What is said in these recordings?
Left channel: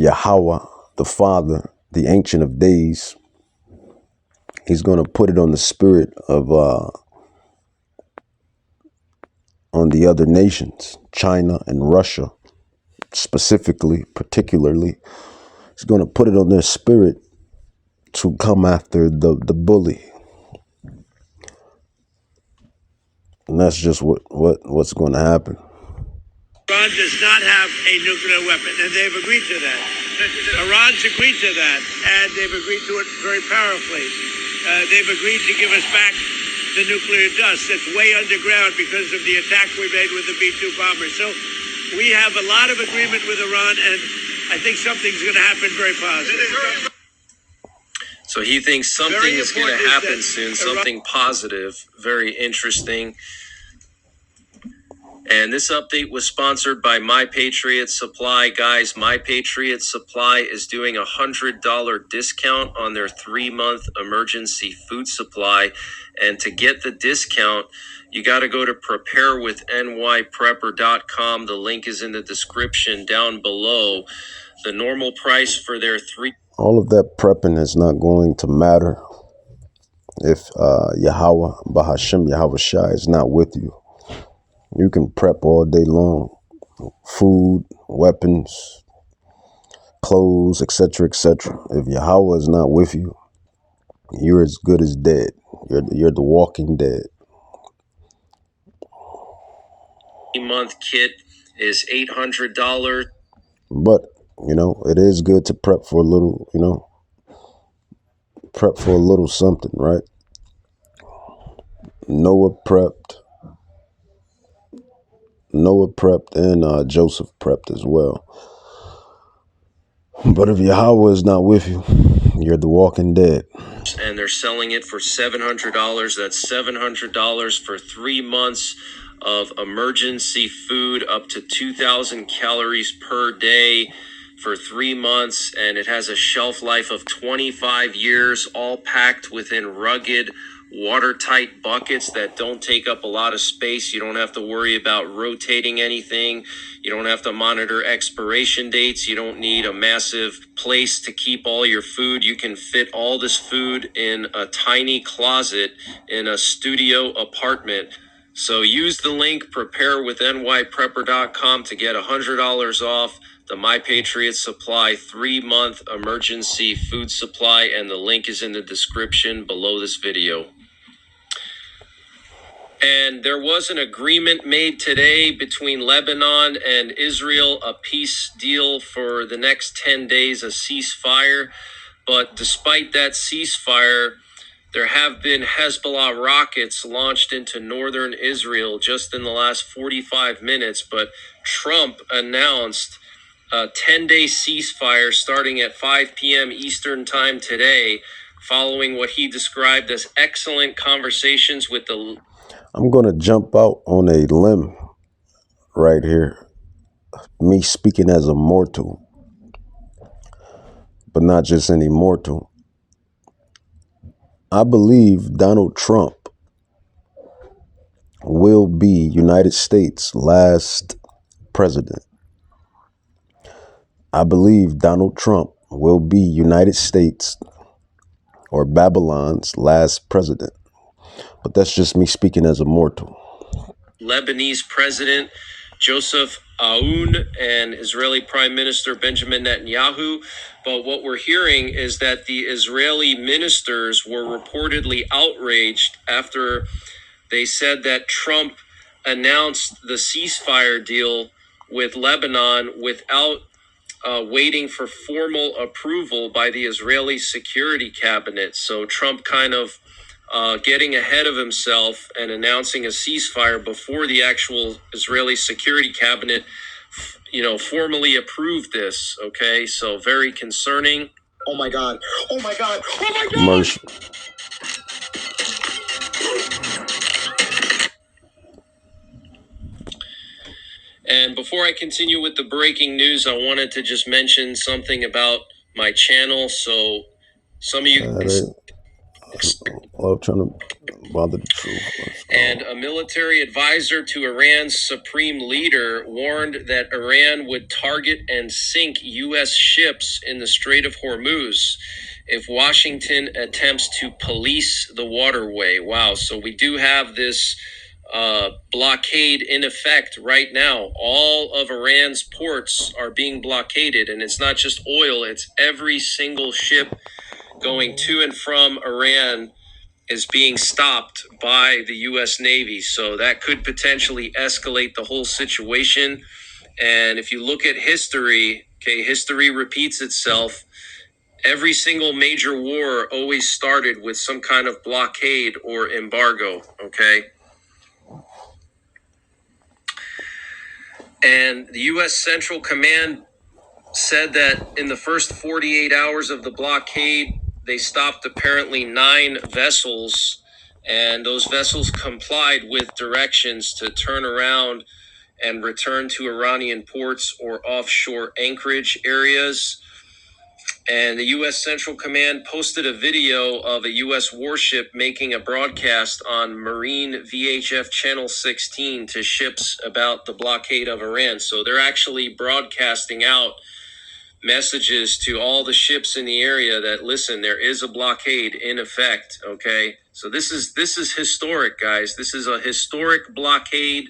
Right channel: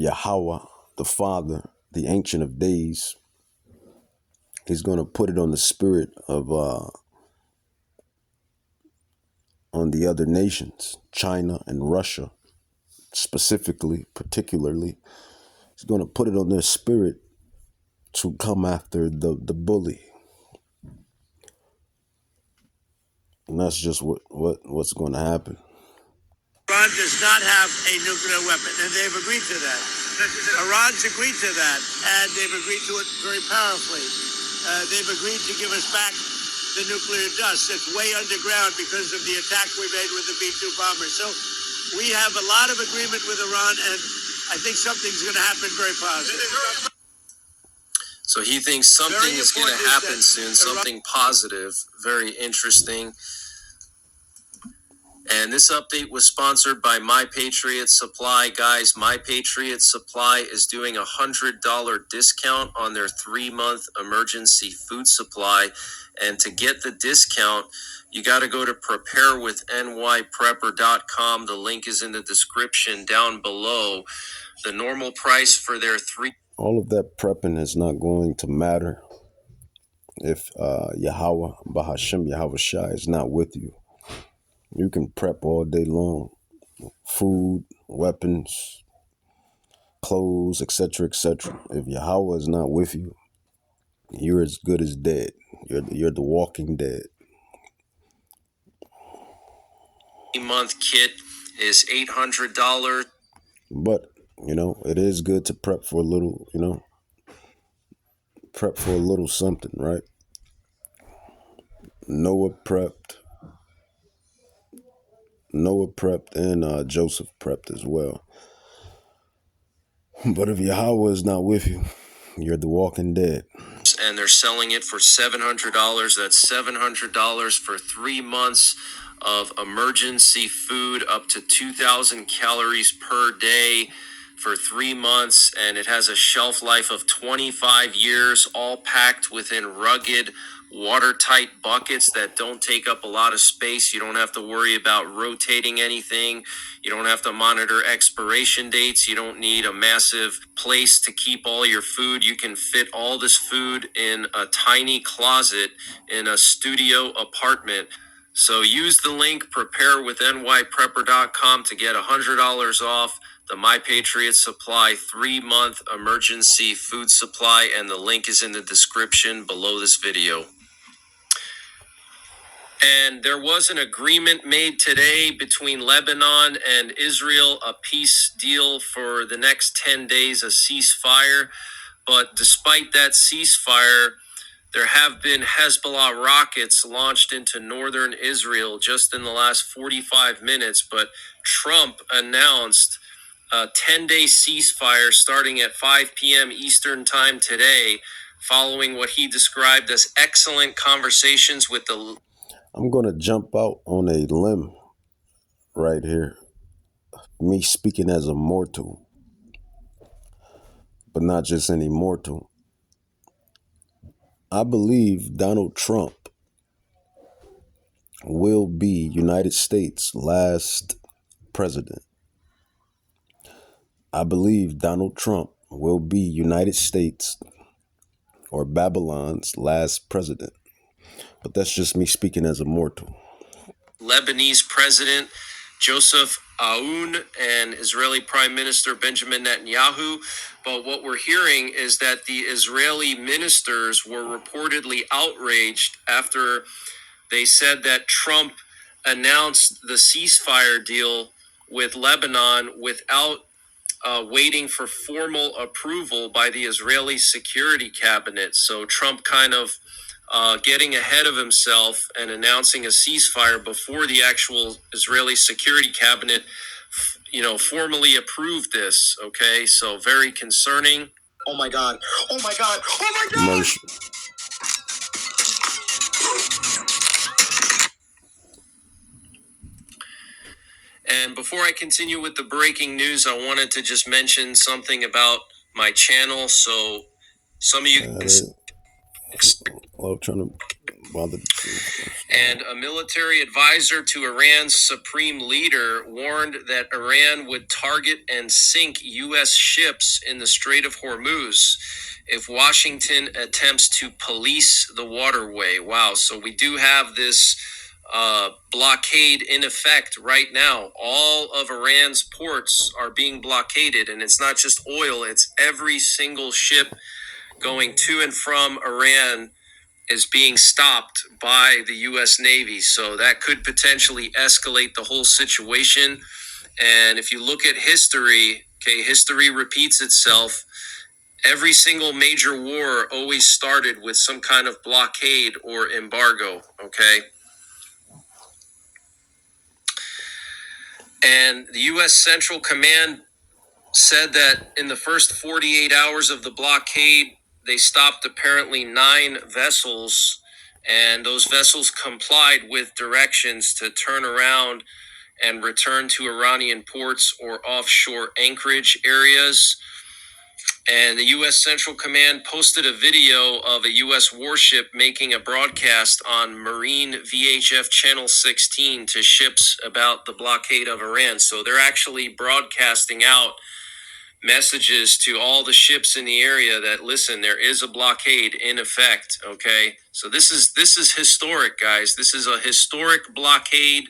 Yahweh, the Father, the Ancient of Days, he's going to put it on the spirit of on the other nations, China and Russia, specifically, particularly. He's going to put it on their spirit to come after the bully. And that's just what's going to happen. Iran does not have a nuclear weapon, and they've agreed to that. Iran's agreed to that, and they've agreed to it very powerfully. They've agreed to give us back the nuclear dust that's way underground because of the attack we made with the B-2 bombers. So we have a lot of agreement with Iran, and I think something's going to happen very positive. So he thinks something is going to happen soon, something positive, very interesting. And this update was sponsored by My Patriot Supply. Guys, My Patriot Supply is doing a $100 discount on their 3-month emergency food supply. And to get the discount, you got to go to preparewithnyprepper.com. The link is in the description down below. The normal price for their all of that prepping is not going to matter if Yahweh, Bahashem, Yahweh Shai is not with you. You can prep all day long. Food, weapons, clothes, etc., etc. If Yahweh is not with you, you're as good as dead. You're the walking dead. 3-month kit is $800. But, you know, it is good to prep for a little, you know, prep for a little something, right? Noah prepped, and Joseph prepped as well. But if Yahweh is not with you, you're the walking dead. And they're selling it for $700. That's $700 for 3 months of emergency food, up to 2,000 calories per day for 3 months. And it has a shelf life of 25 years, all packed within rugged, watertight buckets that don't take up a lot of space. You don't have to worry about rotating anything. You don't have to monitor expiration dates. You don't need a massive place to keep all your food. You can fit all this food in a tiny closet in a studio apartment. So use the link preparewithnyprepper.com to get $100 off the My Patriot Supply 3-month emergency food supply, and the link is in the description below this video. And there was an agreement made today between Lebanon and Israel, a peace deal for the next 10 days, a ceasefire. But despite that ceasefire, there have been Hezbollah rockets launched into northern Israel just in the last 45 minutes. But Trump announced a 10-day ceasefire starting at 5 p.m. Eastern time today, following what he described as excellent conversations with the... I'm going to jump out on a limb right here. Me speaking as a mortal, but not just any mortal. I believe Donald Trump will be United States' last president. I believe Donald Trump will be United States or Babylon's last president. But that's just me speaking as a mortal. Lebanese President Joseph Aoun and Israeli Prime Minister Benjamin Netanyahu. But what we're hearing is that the Israeli ministers were reportedly outraged after they said that Trump announced the ceasefire deal with Lebanon without waiting for formal approval by the Israeli Security Cabinet. So Trump kind of getting ahead of himself and announcing a ceasefire before the actual Israeli Security Cabinet, formally approved this. Okay, so very concerning. Oh my God! Oh my God! Oh my God! Mercy. And before I continue with the breaking news, I wanted to just mention something about my channel. So some of you... Love trying to bother the truth. And a military advisor to Iran's supreme leader warned that Iran would target and sink U.S. ships in the Strait of Hormuz if Washington attempts to police the waterway. Wow. So we do have this blockade in effect right now. All of Iran's ports are being blockaded, and it's not just oil, it's every single ship going to and from Iran is being stopped by the U.S. Navy. So that could potentially escalate the whole situation. And if you look at history, okay, history repeats itself. Every single major war always started with some kind of blockade or embargo, okay? And the U.S. Central Command said that in the first 48 hours of the blockade, they stopped apparently 9 vessels, and those vessels complied with directions to turn around and return to Iranian ports or offshore anchorage areas. And the U.S. Central Command posted a video of a U.S. warship making a broadcast on Marine VHF Channel 16 to ships about the blockade of Iran. So they're actually broadcasting out messages to all the ships in the area that, listen, there is a blockade in effect. Okay, so this is historic, guys. This is a historic blockade.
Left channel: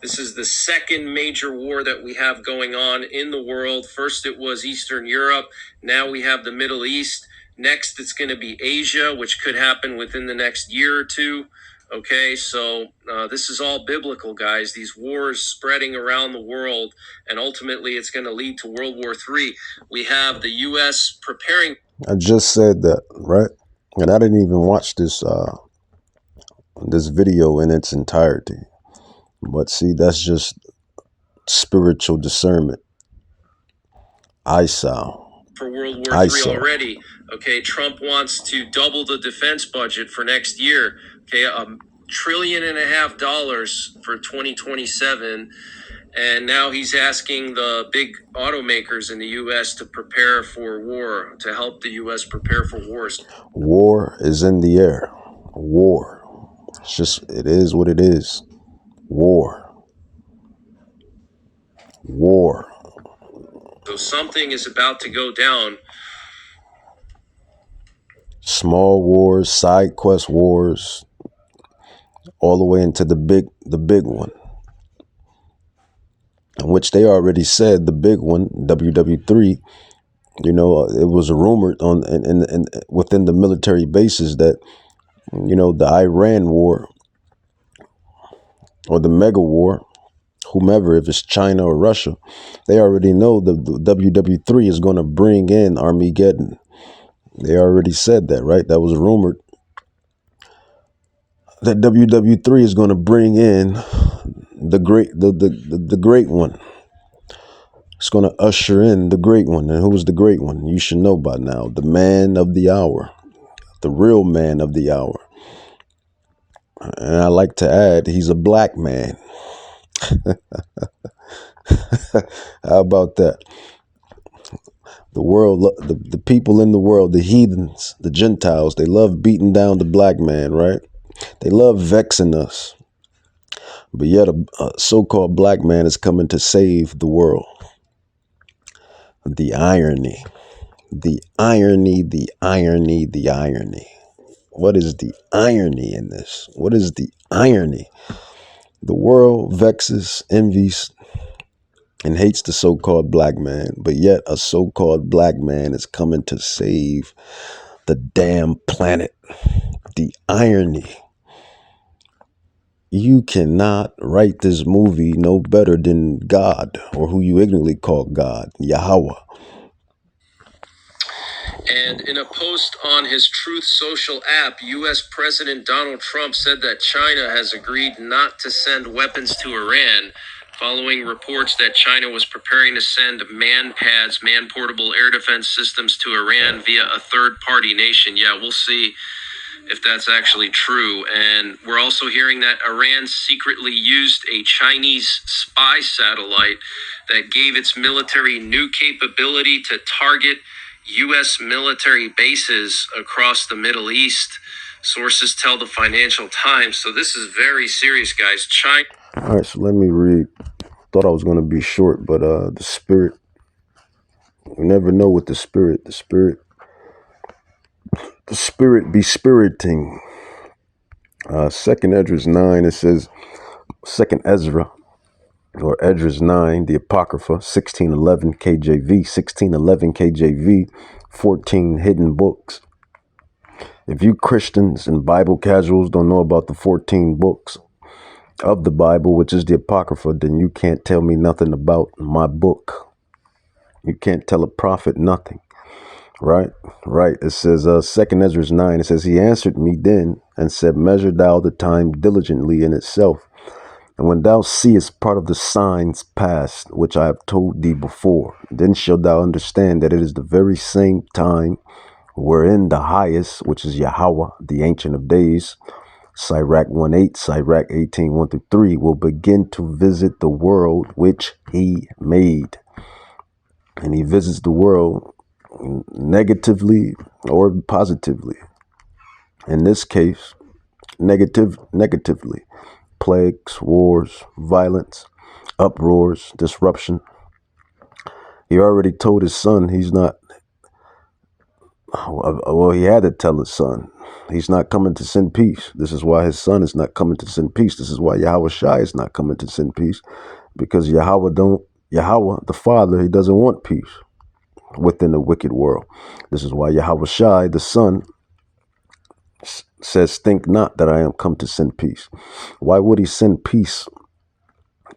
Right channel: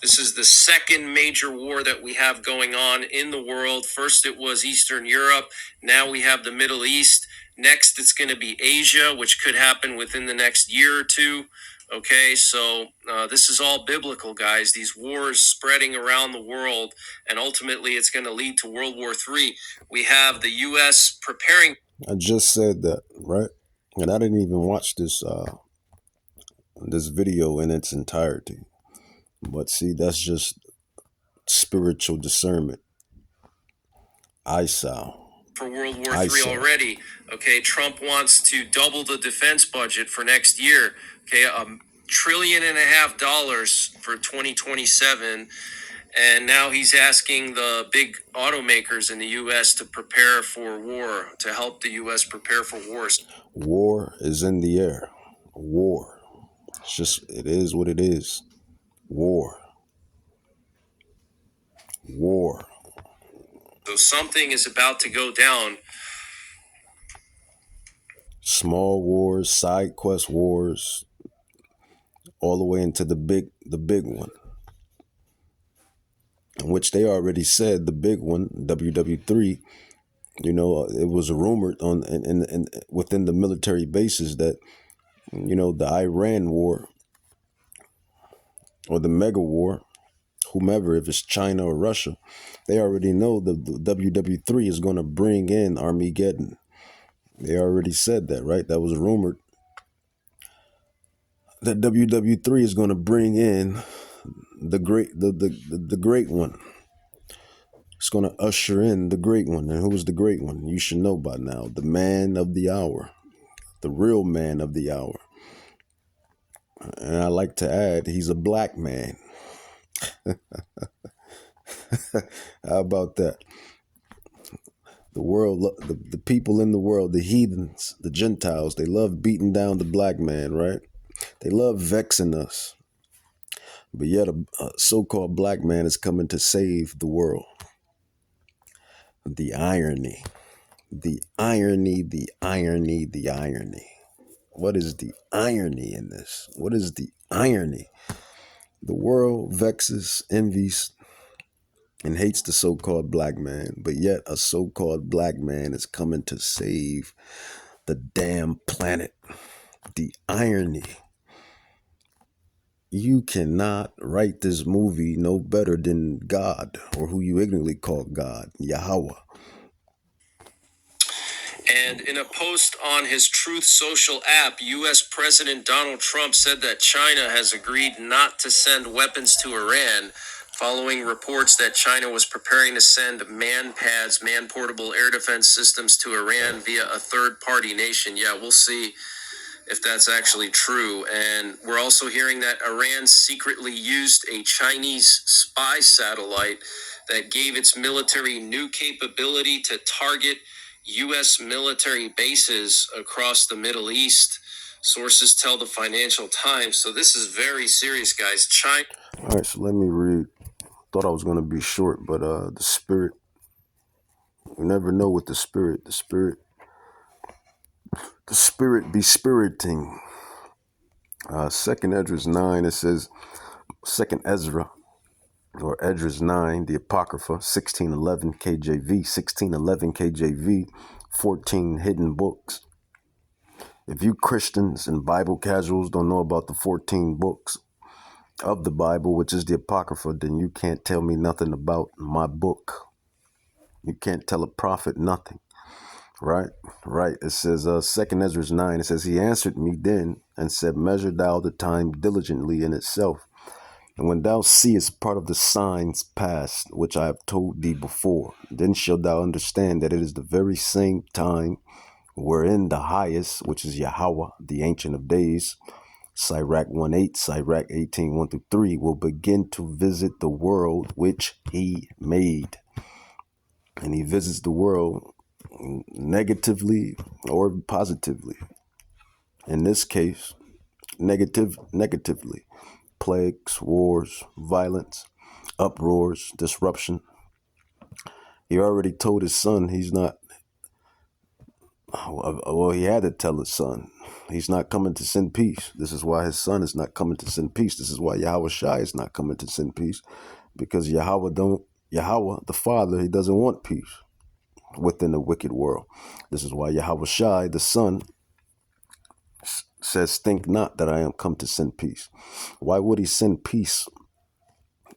This is the second major war that we have going on in the world. First it was Eastern Europe, now we have the Middle East. Next it's going to be Asia, which could happen within the next year or two. Okay, so this is all biblical, guys. These wars spreading around the world, and ultimately it's going to lead to World War III. We have the U.S. preparing. I just said that, right? And I didn't even watch this video in its entirety. But see, that's just spiritual discernment. Eyesight. For World War III already. Okay, Trump wants to double the defense budget for next year. Okay, $1.5 trillion for 2027. And now he's asking the big automakers in the U.S. to prepare for war, to help the U.S. prepare for wars. War is in the air. War. It's just, it is what it is. War. War. So something is about to go down. Small wars, side quest wars, all the way into the big one, which they already said the big one, WW3. You know, it was rumored on in within the military bases that, you know, the Iran war or the mega war, whomever, if it's China or Russia, they already know the WW3 is going to bring in Armageddon. They already said that, right? That was rumored. That WW3 is going to bring in the great one. It's going to usher in the great one. And who's the great one? You should know by now. The man of the hour. The real man of the hour. And I like to add, he's a black man. How about that? The world, the people in the world, the heathens, the Gentiles, they love beating down the black man, right? They love vexing us. But yet a so-called black man is coming to save the world. The irony, the irony, the irony, the irony. What is the irony in this? What is the irony? The world vexes, envies, and hates the so-called black man, but yet a so-called black man is coming to save the damn planet. The irony. You cannot write this movie no better than God, or who you ignorantly call God, Yahweh. And in a post on his Truth Social app, U.S. President Donald Trump said that China has agreed not to send weapons to Iran, following reports that China was preparing to send man-pads, man-portable air defense systems to Iran via a third-party nation. Yeah, we'll see if that's actually true. And we're also hearing that Iran secretly used a Chinese spy satellite that gave its military new capability to target U.S. military bases across the Middle East. Sources tell the Financial Times. So this is very serious, guys. China. All right, so let me read. Thought I was going to be short, but the spirit, we never know what the spirit be spiriting. Second Ezra 9, it says, Second Ezra, or Ezra's 9, the Apocrypha, 1611 KJV, 1611 KJV, 14 hidden books. If you Christians and Bible casuals don't know about the 14 books of the Bible, which is the Apocrypha, then you can't tell me nothing about my book. You can't tell a prophet nothing. Right. It says, Second Ezra 9, it says, he answered me then and said, measure thou the time diligently in itself. And when thou seest part of the signs past, which I have told thee before, then shalt thou understand that it is the very same time wherein the highest, which is Yahweh, the Ancient of Days, Sirach 1:8, Sirach 18, 1-3, will begin to visit the world which he made. And he visits the world negatively or positively. In this case, negatively. Plagues, wars, violence, uproars, disruption. He already told his son he's not, well, he had to tell his son he's not coming to send peace. This is why his son is not coming to send peace. This is why Yahweh Shai is not coming to send peace, because Yahweh, the Father, he doesn't want peace within the wicked world. This is why Yahweh Shai, the Son, says, think not that I am come to send peace. Why would he send peace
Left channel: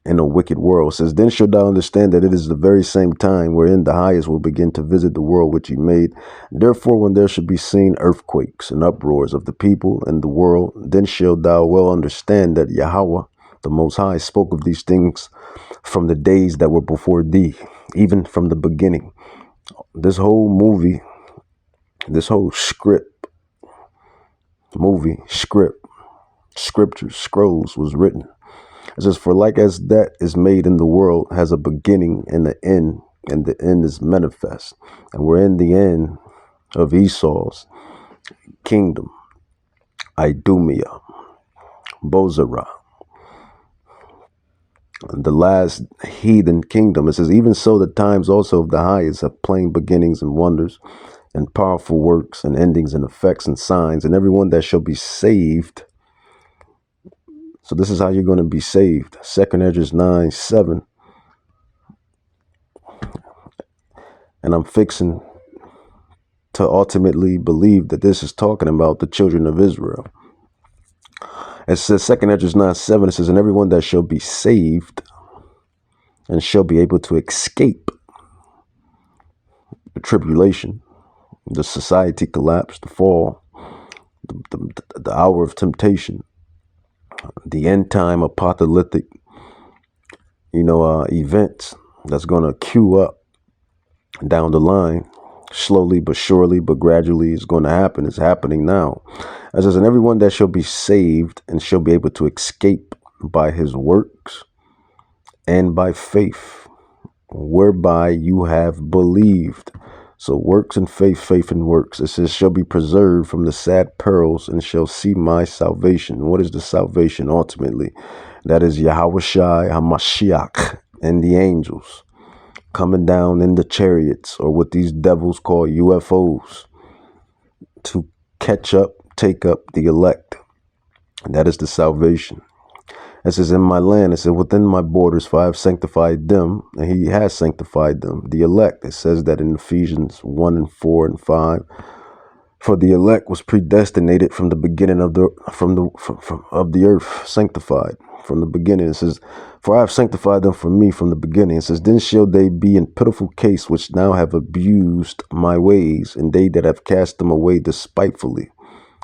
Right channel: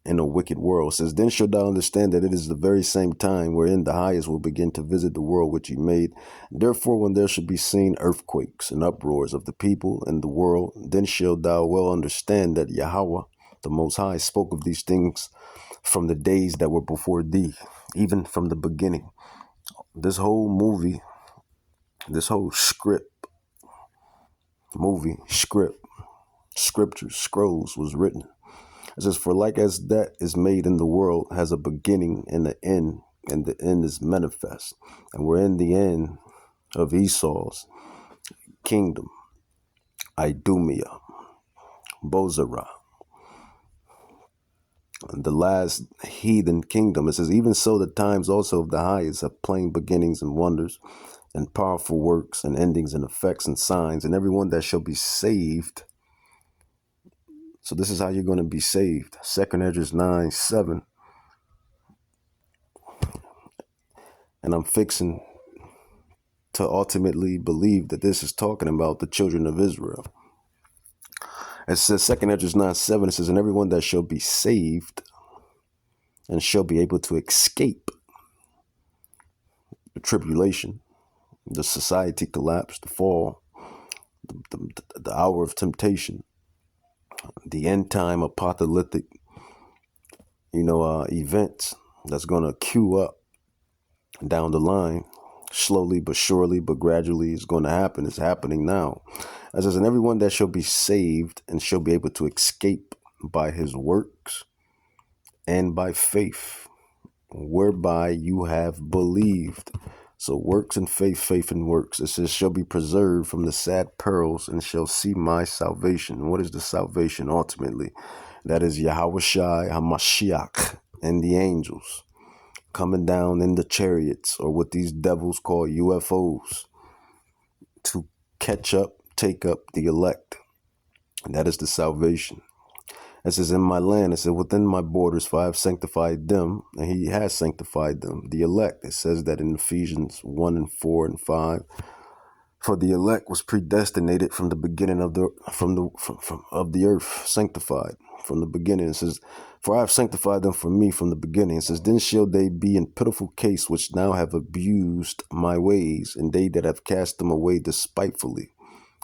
in a wicked world? It says, then shalt thou understand that it is the very same time wherein the highest will begin to visit the world which he made. Therefore, when there should be seen earthquakes and uproars of the people and the world, then shalt thou well understand that Yahweh, the Most High, spoke of these things from the days that were before thee, even from the beginning. This whole movie, this whole scriptures, scrolls was written. It says, for like as that is made in the world has a beginning and an end, and the end is manifest. And we're in the end of Esau's kingdom, Idumea, Bozrah, the last heathen kingdom. It says, even so the times also of the highest have plain beginnings and wonders, and powerful works, and endings, and effects, and signs, and everyone that shall be saved. So this is how you're going to be saved. Second Ezra 9:7. And I'm fixing to ultimately believe that this is talking about the children of Israel. It says, Second Ezra 9:7, it says, and everyone that shall be saved and shall be able to escape the tribulation, the society collapse, the fall, the hour of temptation, the end time apocalyptic, events that's going to queue up down the line, slowly but surely, but gradually is going to happen. It's happening now. It says, and everyone that shall be saved and shall be able to escape by his works and by faith, whereby you have believed. So works and faith and works. It says, shall be preserved from the sad perils and shall see my salvation. What is the salvation ultimately? That is Yahweh Shai, HaMashiach, and the angels coming down in the chariots, or what these devils call UFOs, to catch up, take up the elect. And that is the salvation. It says, in my land, it says, within my borders, for I have sanctified them, and he has sanctified them, the elect. It says that in Ephesians 1:4 and 5. For the elect was predestinated from the beginning of the earth, sanctified from the beginning. It says, for I have sanctified them for me from the beginning. It says, then shall they be in pitiful case which now have abused my ways, and they that have cast them away despitefully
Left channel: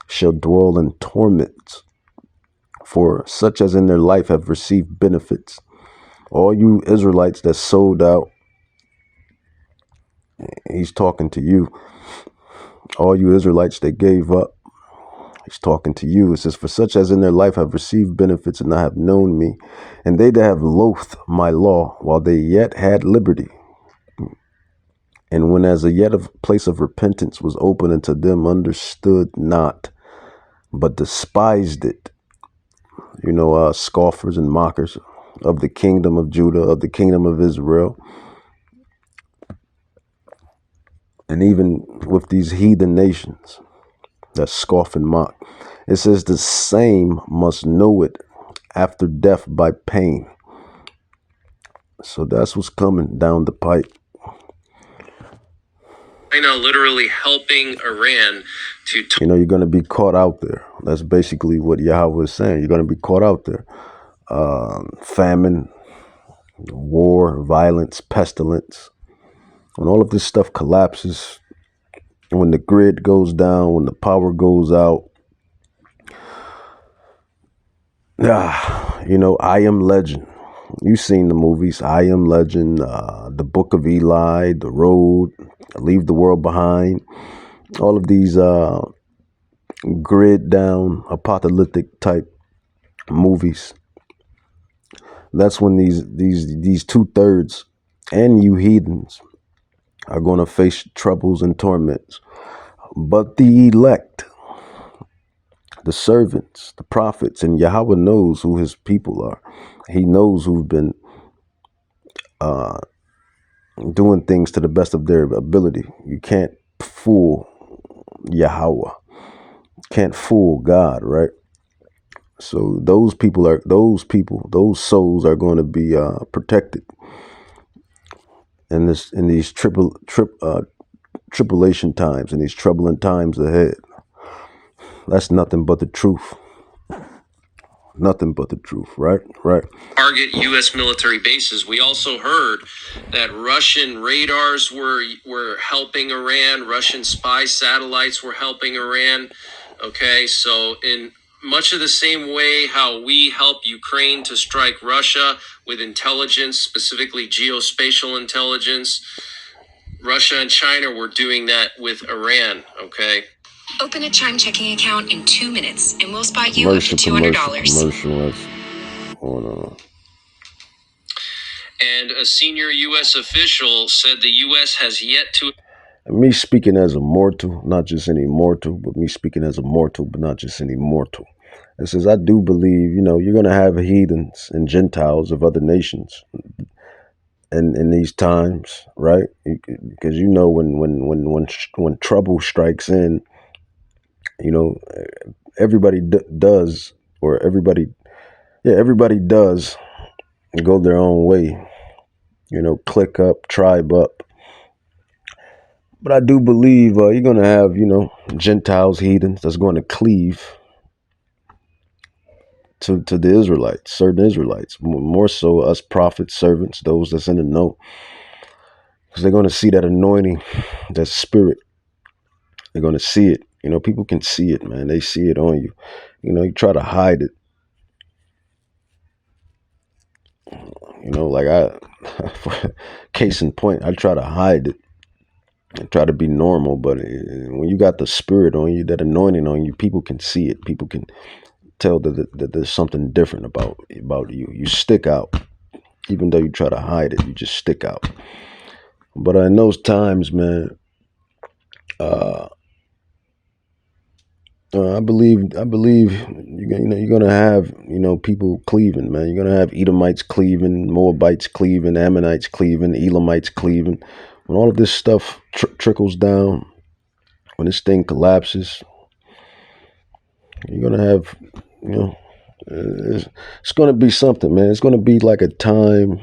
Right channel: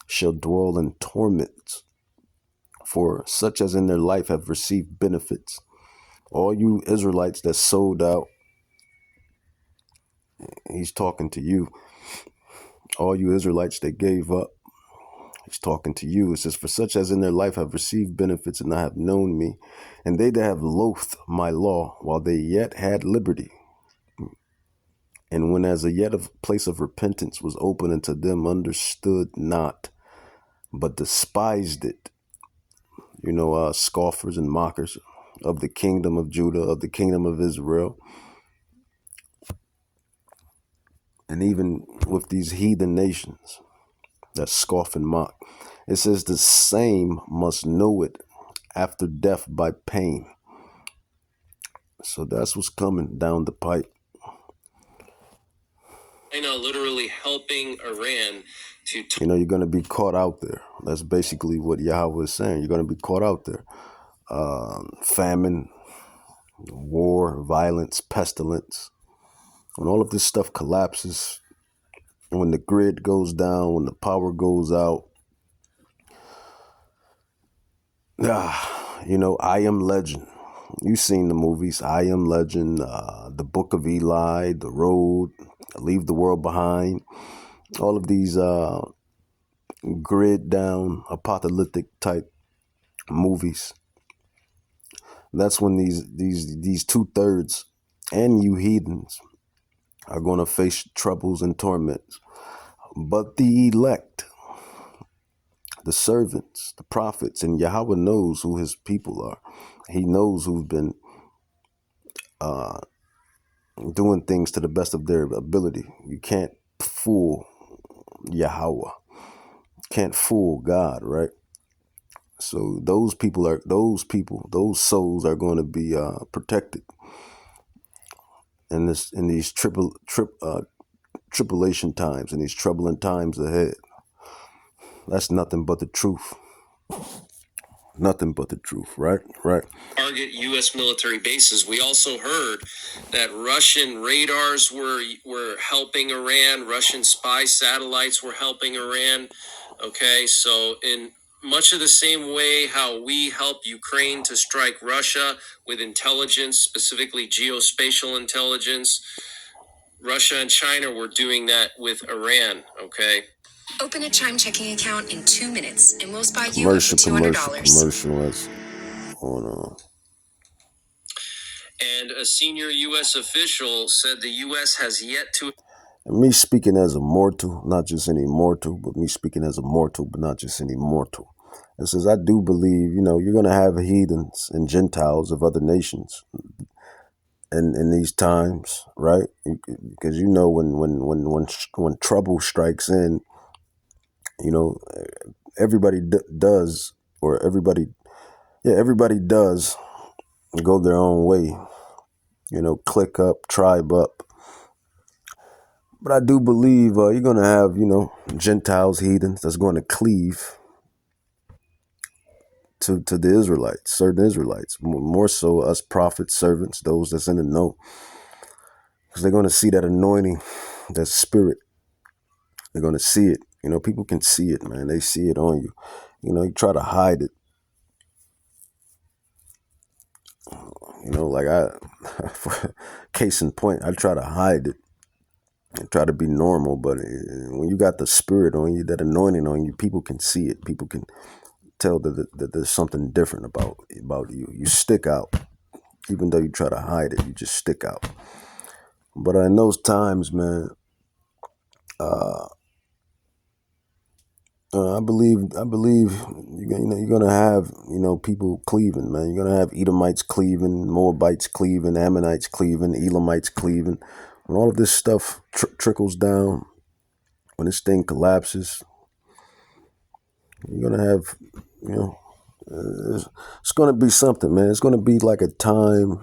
shall dwell in torments. For such as in their life have received benefits. All you Israelites that sold out, he's talking to you. All you Israelites that gave up, he's talking to you. It says, for such as in their life have received benefits and not have known me, and they that have loathed my law while they yet had liberty. And when as a yet a place of repentance was open unto them, understood not, but despised it. Scoffers and mockers of the kingdom of Judah, of the kingdom of Israel. And even with these heathen nations that scoff and mock, it says the same must know it after death by pain. So that's what's coming down the pipe. China literally helping Iran to... You're going to be caught out there. That's basically what Yahweh is saying. You're going to be caught out there. Famine, war, violence, pestilence. When all of this stuff collapses, when the grid goes down, when the power goes out, I Am Legend. You've seen the movies, I Am Legend, The Book of Eli, The Road, Leave the World Behind. All of these grid down, apocalyptic type movies. That's when these 2/3 and you heathens are going to face troubles and torments. But the elect, the servants, the prophets, and Yahweh knows who his people are. He knows who've been doing things to the best of their ability. You can't fool Yahweh. Can't fool God, right? So those souls are going to be protected in these tribulation times, in these troubling times ahead. That's nothing but the truth. Nothing but the truth, right? Target U.S. military bases. We also heard that Russian radars were helping Iran. Russian spy satellites were helping Iran. Okay, so in much of the same way how we help Ukraine to strike Russia with intelligence, specifically geospatial intelligence, Russia and China were doing that with Iran, okay? Open a Chime checking account in 2 minutes and we'll spy you up to $200. Commercial. Hold on. And a senior U.S. official said the U.S. has yet to... Me speaking as a mortal, not just any mortal, but me speaking as a mortal, but not just any mortal. It says, I do believe, you're going to have heathens and Gentiles of other nations in these times, right? Because when trouble strikes in, everybody does go their own way, click up, tribe up. But I do believe you're going to have, Gentiles, heathens that's going to cleave to the Israelites, certain Israelites, more so us prophets, servants, those that's in the know. Because they're going to see that anointing, that spirit. They're going to see it. People can see it, man. They see it on you. You try to hide it. Case in point, I try to hide it and try to be normal. But when you got the spirit on you, that anointing on you, people can see it. People can tell that there's something different about you. You stick out. Even though you try to hide it, you just stick out. But in those times, man, I believe you're gonna have people cleaving, man. You're gonna have Edomites cleaving, Moabites cleaving, Ammonites cleaving, Elamites cleaving. When all of this stuff trickles down, when this thing collapses, you're gonna have it's gonna be something, man. It's gonna be like a time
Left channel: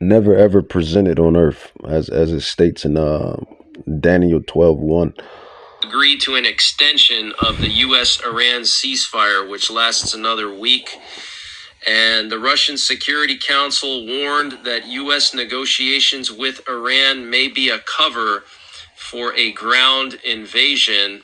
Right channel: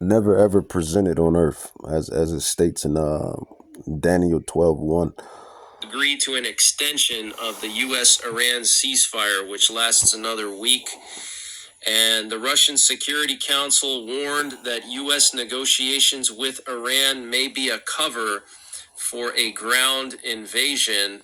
never ever presented on earth, as it states in Daniel 12:1. Agree to an extension of the U.S.-Iran ceasefire, which lasts another week. And the Russian Security Council warned that U.S. negotiations with Iran may be a cover for a ground invasion.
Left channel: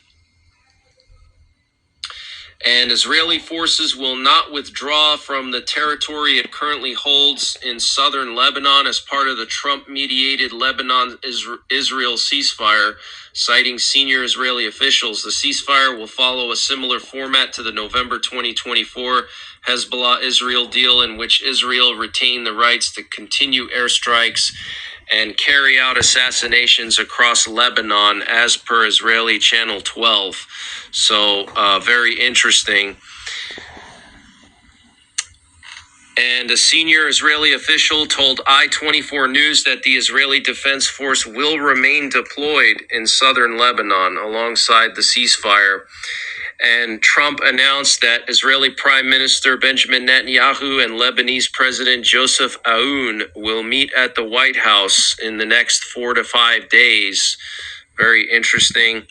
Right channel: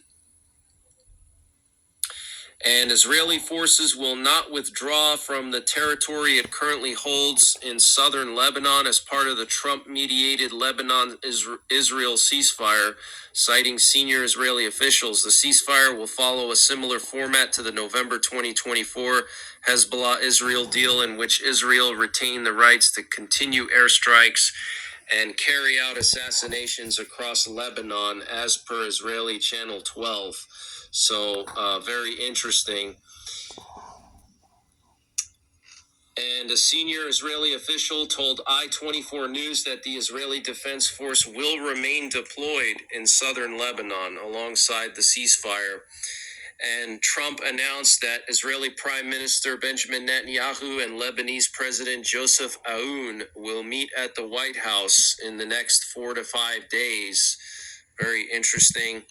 And Israeli forces will not withdraw from the territory it currently holds in southern Lebanon as part of the Trump-mediated Lebanon-Israel ceasefire, citing senior Israeli officials. The ceasefire will follow a similar format to the November 2024 Hezbollah-Israel deal, in which Israel retained the rights to continue airstrikes and carry out assassinations across Lebanon, as per Israeli Channel 12. So, very interesting. And a senior Israeli official told I-24 News that the Israeli Defense Force will remain deployed in southern Lebanon alongside the ceasefire. And Trump announced that Israeli Prime Minister Benjamin Netanyahu and Lebanese President Joseph Aoun will meet at the White House in the next 4 to 5 days. Very interesting.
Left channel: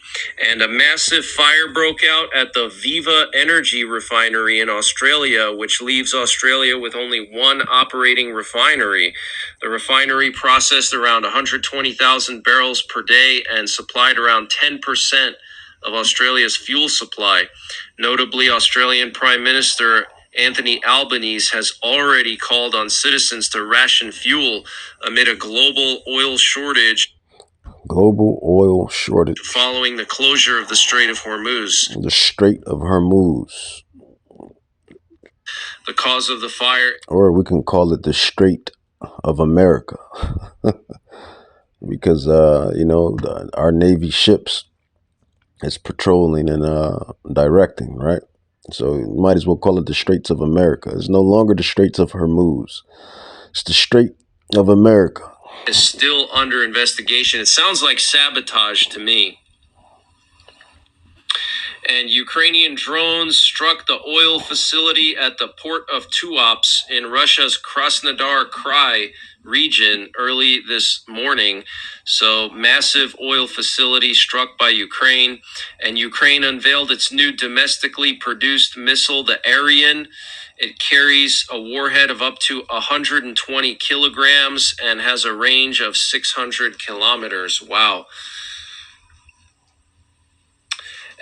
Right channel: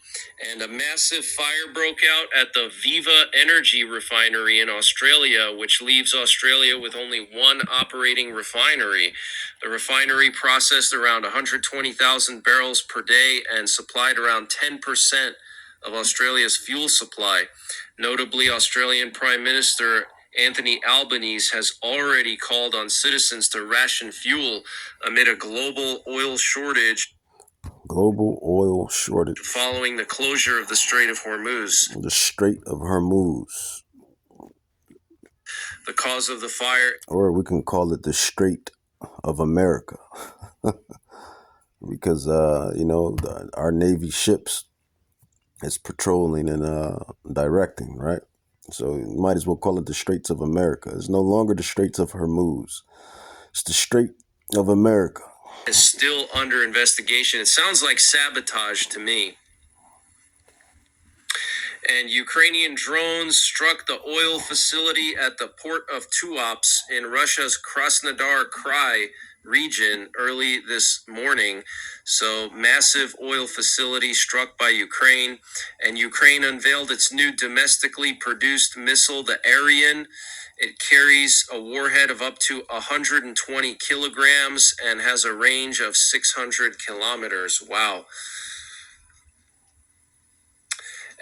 And a massive fire broke out at the Viva Energy refinery in Australia, which leaves Australia with only one operating refinery. The refinery processed around 120,000 barrels per day and supplied around 10% of Australia's fuel supply. Notably, Australian Prime Minister Anthony Albanese has already called on citizens to ration fuel amid a global oil shortage. Following the closure of the Strait of Hormuz. The Strait of Hormuz. The cause of the fire. Or we can call it the Strait of America. Because, our Navy ships is patrolling and directing, right? So you might as well call it the Straits of America. It's no longer the Straits of Hormuz. It's the Strait of America. Is still under investigation. It sounds like sabotage to me. And Ukrainian drones struck the oil facility at the port of Tuapse in Russia's Krasnodar Krai region early this morning. So, massive oil facility struck by Ukraine. And Ukraine unveiled its new domestically produced missile, the Ariane. It carries a warhead of up to 120 kilograms and has a range of 600 kilometers. Wow.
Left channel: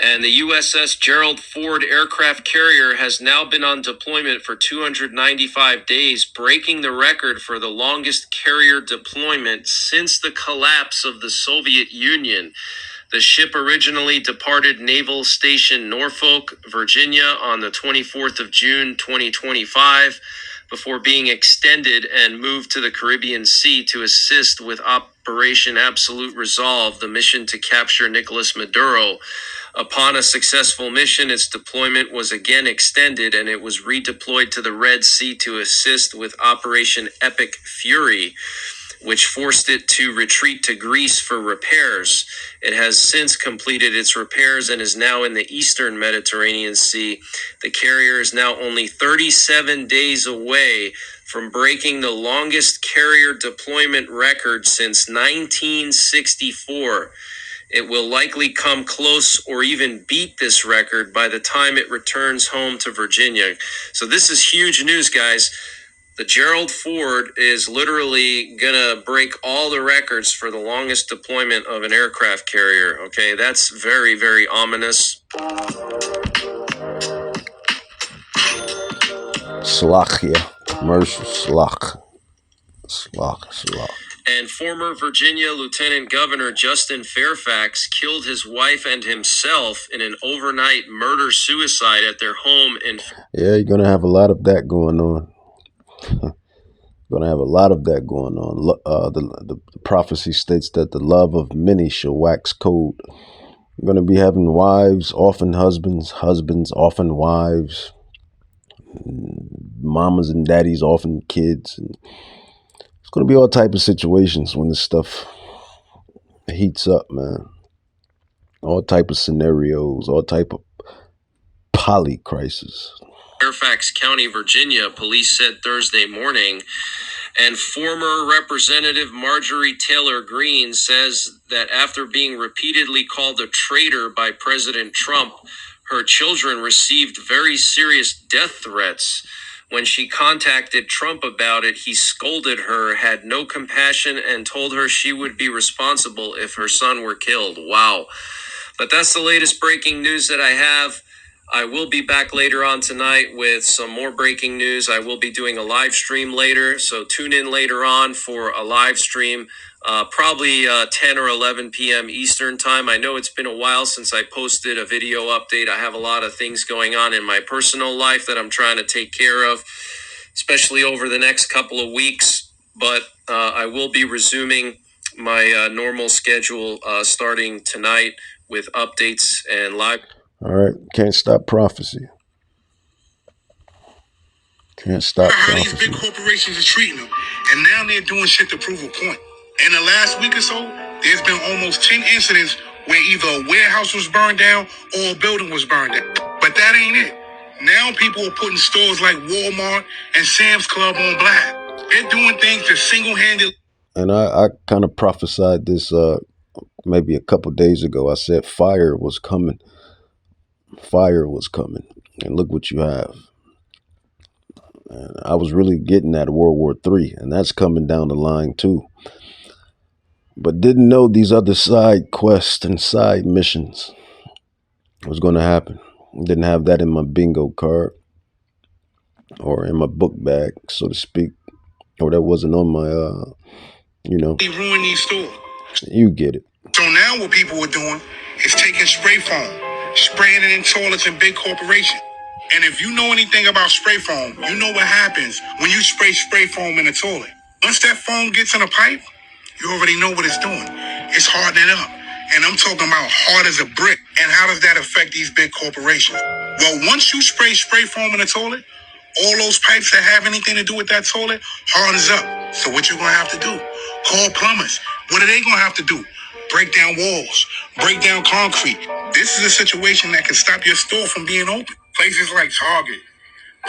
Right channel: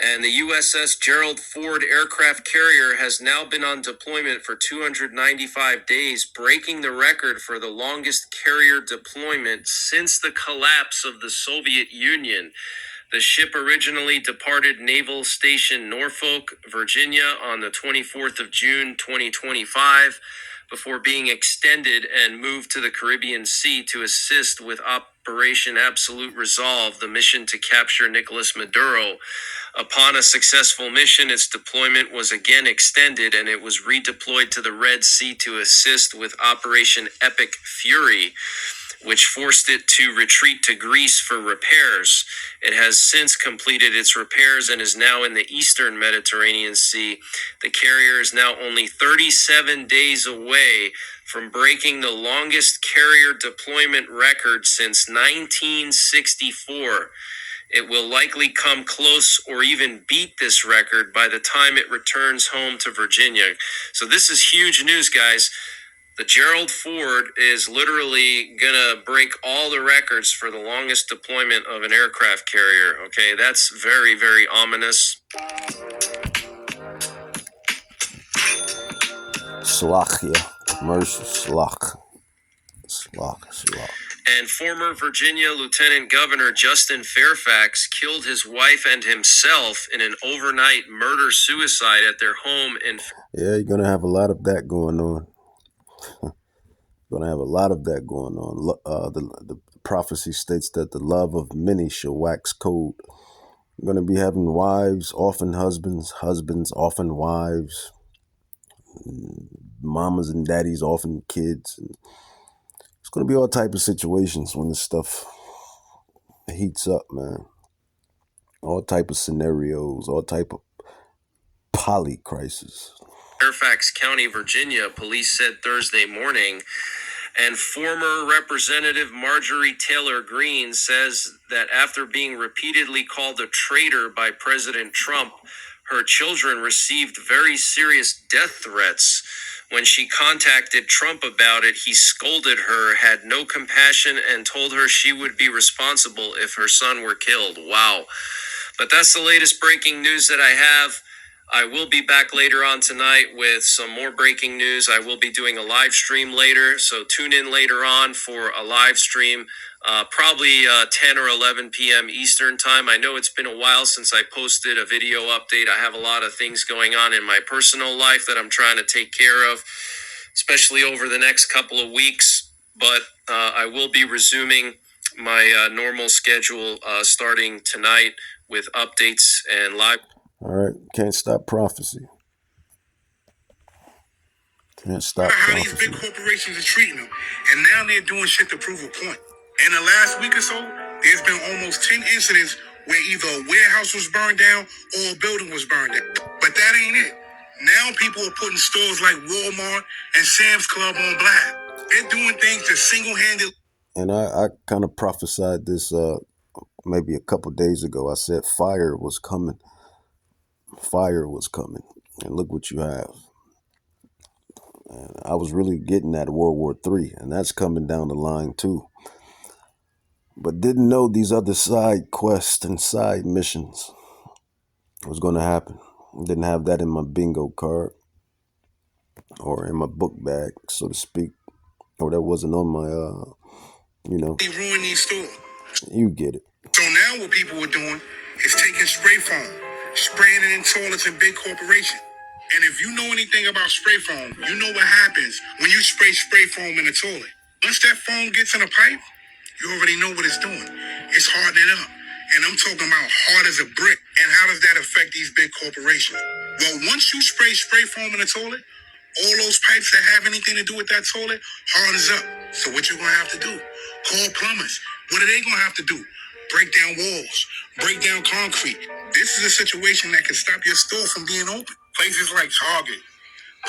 And the USS Gerald Ford aircraft carrier has now been on deployment for 295 days, breaking the record for the longest carrier deployment since the collapse of the Soviet Union. The ship originally departed Naval Station Norfolk, Virginia on the 24th of June, 2025, before being extended and moved to the Caribbean Sea to assist with Operation Absolute Resolve, the mission to capture Nicolas Maduro. Upon a successful mission, its deployment was again extended and it was redeployed to the Red Sea to assist with Operation Epic Fury, which forced it to retreat to Greece for repairs. It has since completed its repairs and is now in the eastern Mediterranean Sea. The carrier is now only 37 days away from breaking the longest carrier deployment record since 1964. It will likely come close or even beat this record by the time it returns home to Virginia. So this is huge news, guys. The Gerald Ford is literally going to break all the records for the longest deployment of an aircraft carrier. Okay, that's very, very ominous. Slachia. Commercial slach. And former Virginia Lieutenant Governor Justin Fairfax killed his wife and himself in an overnight murder-suicide at their home in... Yeah, you're going to have a lot of that going on. Going to have a lot of that going on. The prophecy states that the love of many shall wax cold. You're going to be having wives, often husbands, husbands, often wives, mamas and daddies, often kids. And it's going to be all type of situations when this stuff heats up, man. All type of scenarios, all type of poly crisis. Fairfax County, Virginia, police said Thursday morning. And former Representative Marjorie Taylor Greene says that after being repeatedly called a traitor by President Trump, her children received very serious death threats. When she contacted Trump about it, he scolded her, had no compassion, and told her she would be responsible if her son were killed. Wow. But that's the latest breaking news that I have. I will be back later on tonight with some more breaking news. I will be doing a live stream later, so tune in later on for a live stream, probably 10 or 11 p.m. Eastern time. I know it's been a while since I posted a video update. I have a lot of things going on in my personal life that I'm trying to take care of, especially over the next couple of weeks. But I will be resuming my normal schedule starting tonight with updates and live. All right, can't stop prophecy. Can't stop How prophecy. these big corporations are treating them, and now they're doing shit to prove a point. In the last week or so, there's been almost 10 incidents where either a warehouse was burned down or a building was burned down. But that ain't it. Now people are putting stores like Walmart and Sam's Club on blast. They're doing things to single-handedly. And I kind of prophesied this maybe a couple days ago. I said fire was coming. Fire was coming. And look what you have. And I was really getting at World War III, and that's coming down the line too. But didn't know these other side quests and side missions was going to happen. Didn't have that in my bingo card or in my book bag, so to speak. Or that wasn't on my, They ruin these stores. You get it. So now what people are doing is taking spray foam, spraying it in toilets in big corporations. And if you know anything about spray foam, you know what happens when you spray foam in a toilet. Once that foam gets in a pipe, you already know what it's doing. It's hardening up. And I'm talking about hard as a brick. And how does that affect these big corporations? Well, once you spray foam in a toilet, all those pipes that have anything to do with that toilet hardens up. So what you're gonna have to do? Call plumbers. What are they gonna have to do? Break down walls, break down concrete. This is a situation that can stop your store from being open. Places like Target,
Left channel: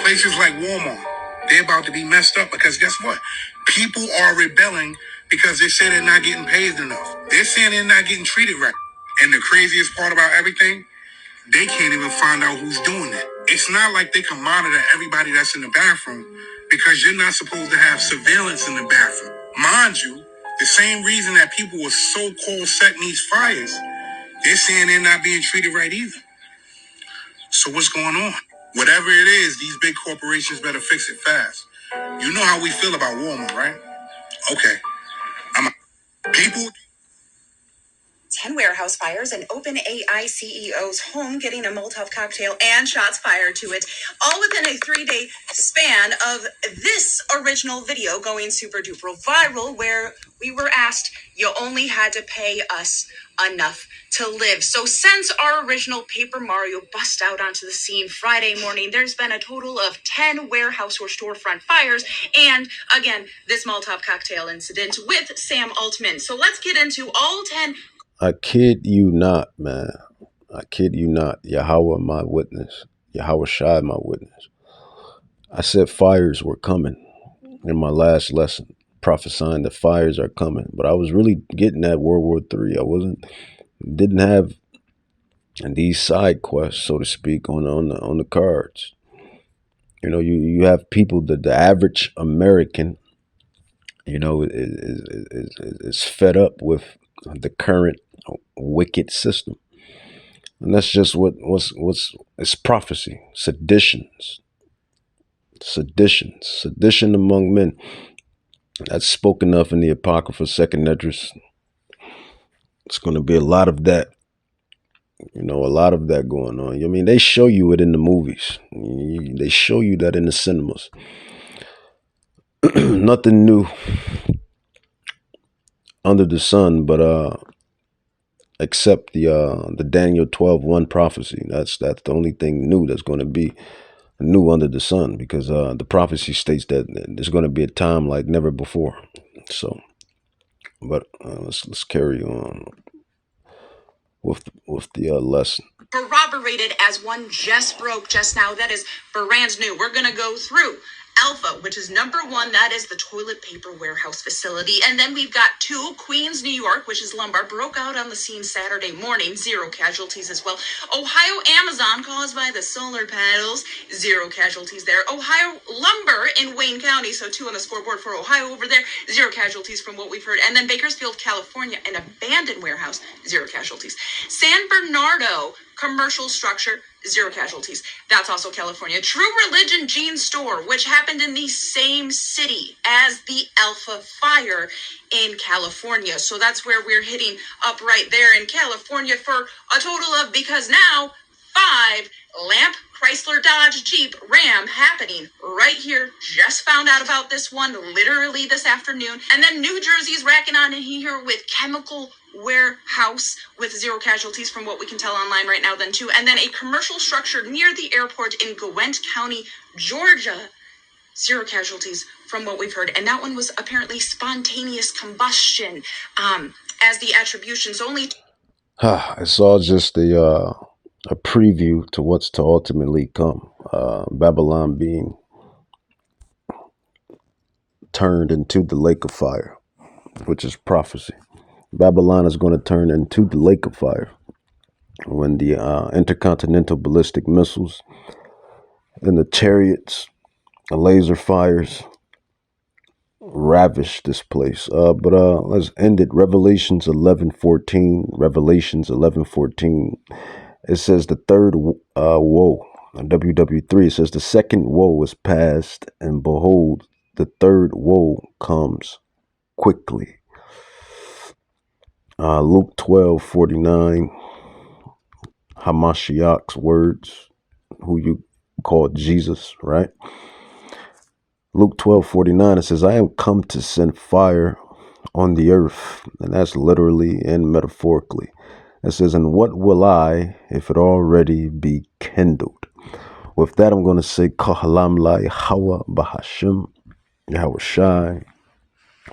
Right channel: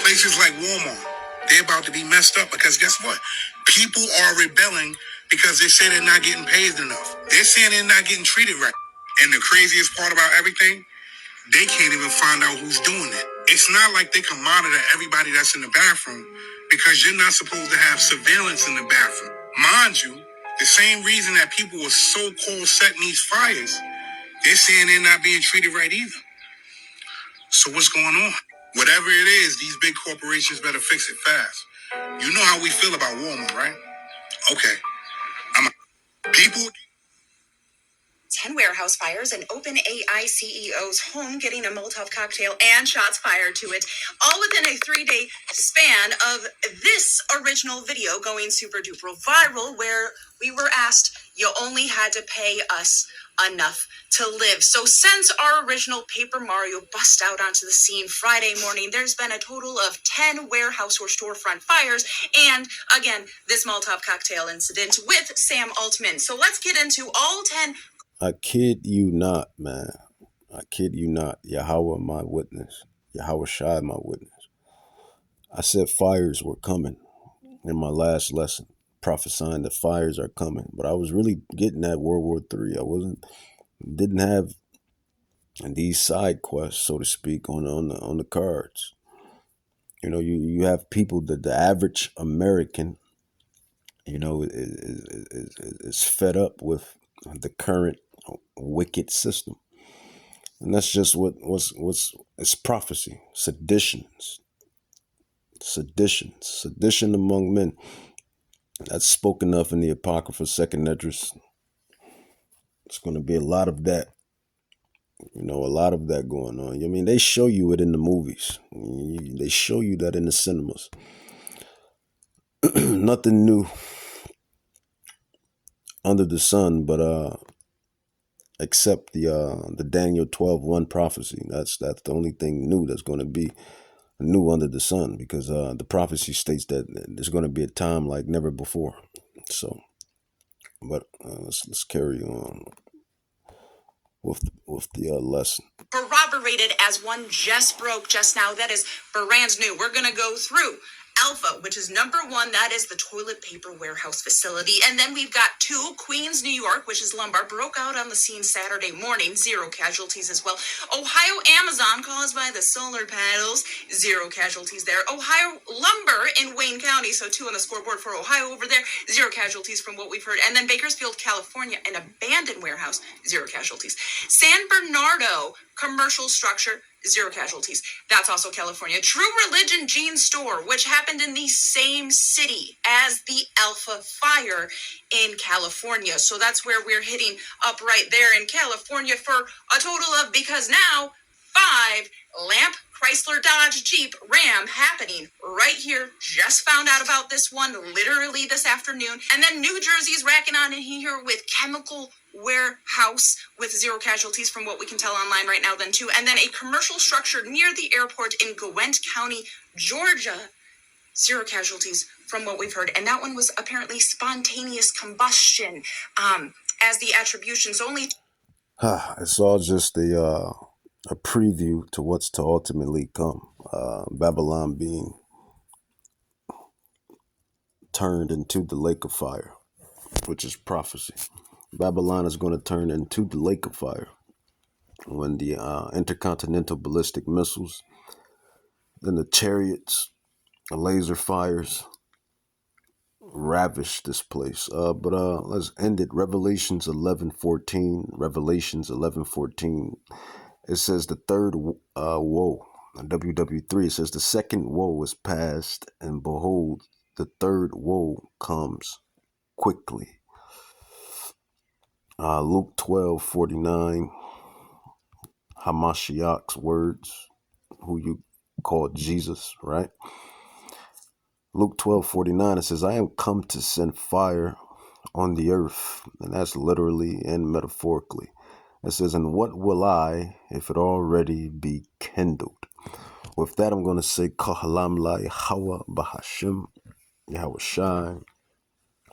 places like Walmart, they're about to be messed up because guess what? People are rebelling because they say they're not getting paid enough. They're saying they're not getting treated right. And the craziest part about everything, they can't even find out who's doing it. It's not like they can monitor everybody that's in the bathroom because you're not supposed to have surveillance in the bathroom. Mind you, the same reason that people were so-called setting these fires, they're saying they're not being treated right either. So what's going on? Whatever it is, these big corporations better fix it fast. You know how we feel about Walmart, right? Okay. People. 10 warehouse fires and OpenAI CEO's home getting a Molotov cocktail and shots fired to it, all within a 3-day span of this original video going super duper viral, where we were asked, you only had to pay us enough to live. So since our original Paper Mario bust out onto the scene Friday morning, there's been a total of 10 warehouse or storefront fires, and again, this Molotov cocktail incident with Sam Altman. So let's get into all 10. I kid you not, man. I kid you not. Yahweh, my witness. Yahweh Shai, my witness. I said fires were coming in my last lesson, prophesying that fires are coming. But I was really getting at World War III. Didn't have these side quests, so to speak, on the cards. You know, you have people that the average American, you know, is fed up with the current wicked system. And that's just it's prophecy, sedition among men. That's spoken of in the Apocrypha, Second Esdras. It's going to be a lot of that, a lot of that going on. I mean, they show you it in the movies. They show you that in the cinemas. Nothing new under the sun, but except the Daniel 12:1 prophecy. That's the only thing new that's going to be new under the sun, because the prophecy states that there's going to be a time like never before. So, but let's carry on with the lesson. Corroborated as one just broke just now. That is brand new. We're going to go through Alpha, which is number 1. That is the toilet paper warehouse facility. And then we've got 2, Queens, New York, which is lumber, broke out on the scene Saturday morning. 0 casualties as well. Ohio, Amazon, caused by the solar panels. 0 casualties there. Ohio, lumber in Wayne County. So 2 on the scoreboard for Ohio over there. 0 casualties from what we've heard. And then Bakersfield, California, an abandoned warehouse. 0 casualties. San Bernardo, commercial structure, 0 casualties. That's also California. True Religion Jean Store, which happened in the same city as the Alpha Fire in California. So that's where we're hitting up right there in California for a total of, because now, 5 Lamp, Chrysler, Dodge, Jeep, Ram happening right here. Just found out about this one literally this afternoon. And then New Jersey's racking on in here with Chemical Warehouse with 0 casualties from what we can tell online right now then too. And then a commercial structure near the airport in Gwent County, Georgia. 0 casualties from what we've heard. And that one was apparently spontaneous combustion, as the attributions only. It's all just a preview to what's to ultimately come. Babylon being turned into the lake of fire, which is prophecy. Babylon is going to turn into the lake of fire when the intercontinental ballistic missiles and the chariots, the laser fires ravish this place. But let's end it. Revelations 11:14. Revelations 11:14. It says the third woe. WW3. It says the second woe is past, and behold, the third woe comes quickly. Luke 12:49. Hamashiach's words, who you call Jesus, right? Luke 12:49, it says, I am come to send fire on the earth. And that's literally and metaphorically. It says, and what will I, if it already be kindled? With that, I'm going to say, Kahalam la Yahweh Bahashim, Yahweh Shai,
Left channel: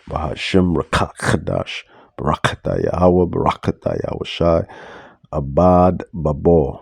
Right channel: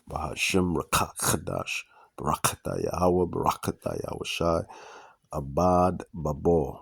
Bahashim Rakak Chadash, Barakata Yahweh, Barakata Yahweh Shai, Abad Babor.